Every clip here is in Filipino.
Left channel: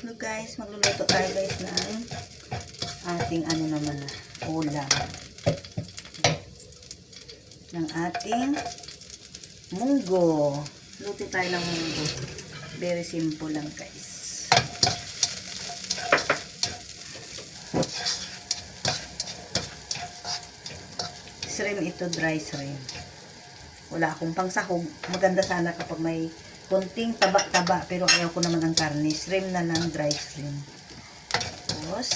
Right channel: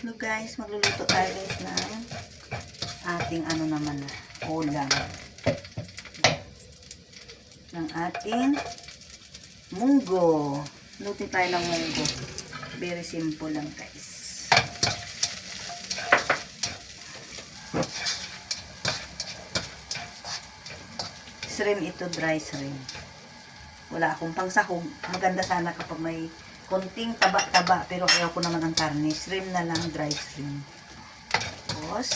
So guys, magluluto tayo guys ng ating ulam. Ng ating munggo. Luto tayo ng munggo. Very simple lang guys. Shrimp ito, dry shrimp. Wala akong pangsahog. Maganda sana kapag may konting taba-taba, pero ayaw ko naman ang karne. Shrimp na lang, dry shrimp. Tapos,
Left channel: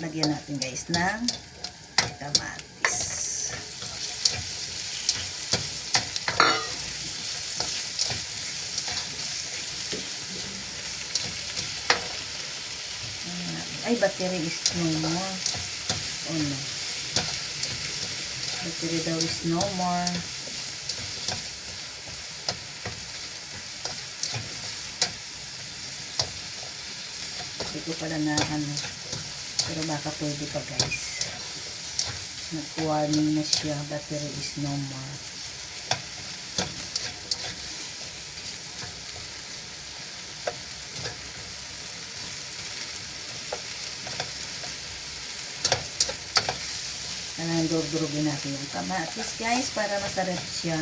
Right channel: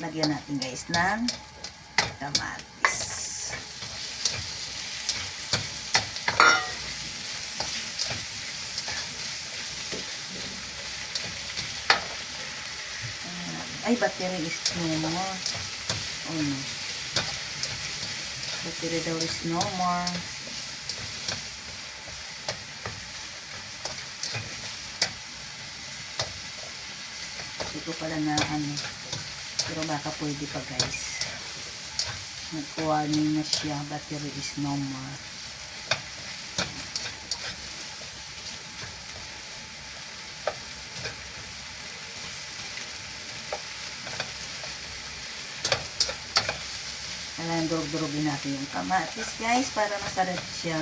lagyan natin guys ng kamatis. Ay, battery is no more. Oh no. Battery daw is no more. Ito pala na pero baka pwede pa guys. Nag-warning na siya, battery is no more. Alam, durugin natin yung kamatis guys para nasa red siya.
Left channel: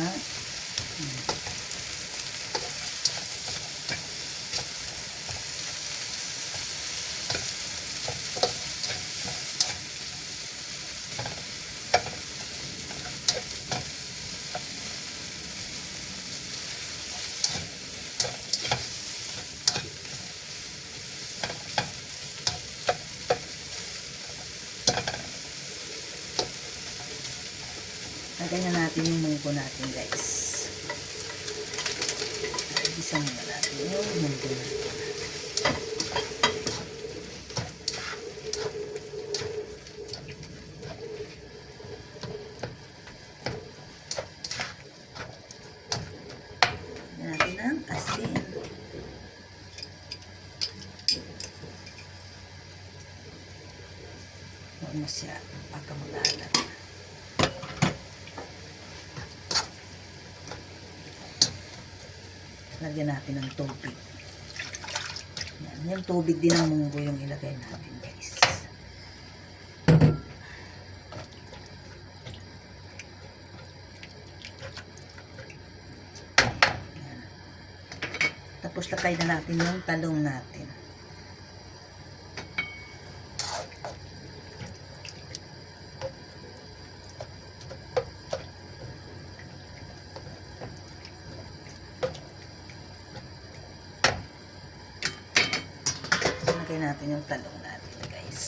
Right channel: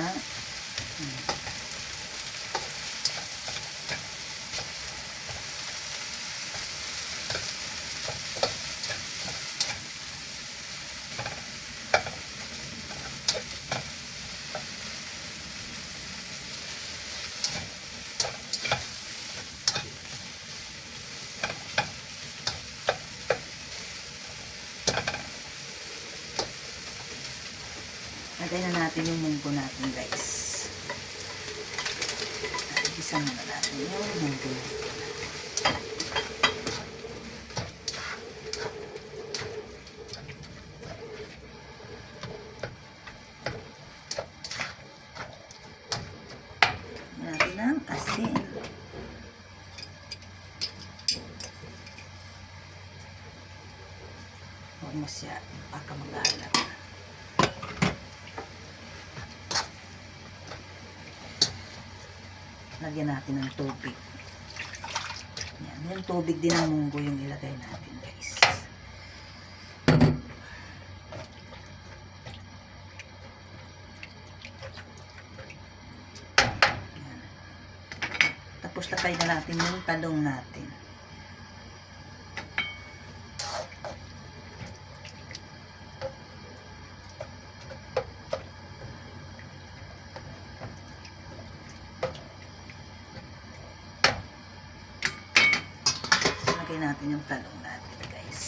Lagay na natin yung munggo natin guys. Isa muna natin yung munggo natin. Lagyan natin ang asin. Huwag masyado, baka mag-aalat. Lagyan natin ng tubig. Yan, yung tubig din ng munggo yung ilagay natin guys. Yan. Tapos lagay na natin yung talong natin. Lagay natin yung talong natin guys.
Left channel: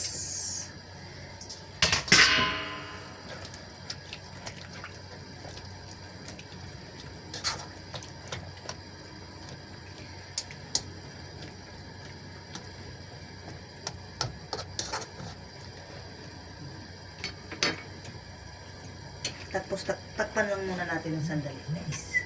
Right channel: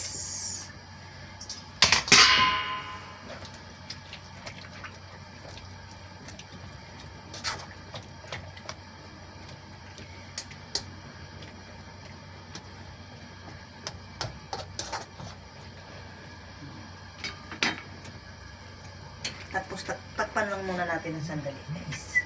Tapos takpan lang muna natin ng sandali guys.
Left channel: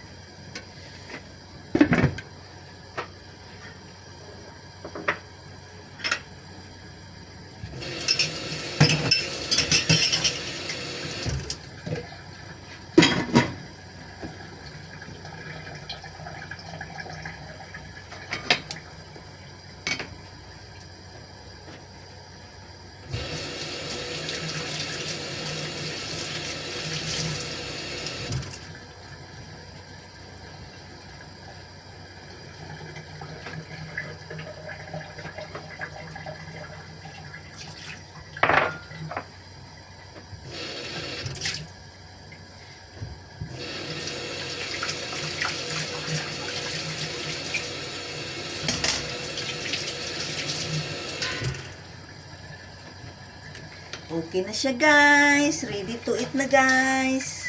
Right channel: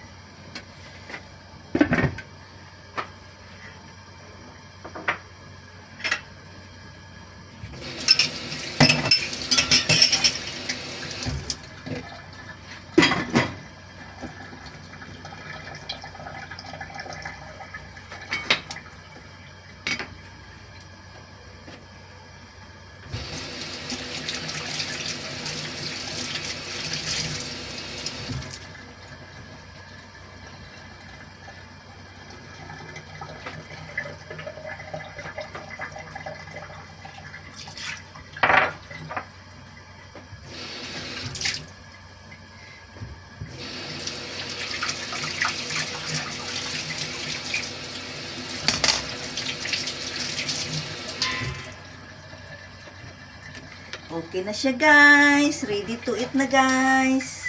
Okay na siya guys. Ready to eat na guys.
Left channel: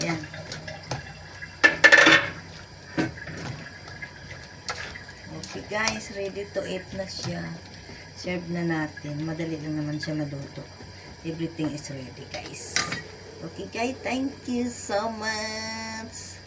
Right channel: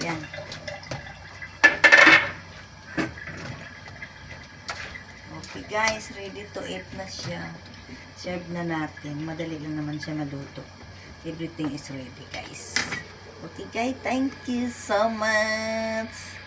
Yan. Okay guys. Ready to eat na siya. Serve na natin. Madali lang naman siya maluto. Everything is ready guys. Okay guys. Thank you so much.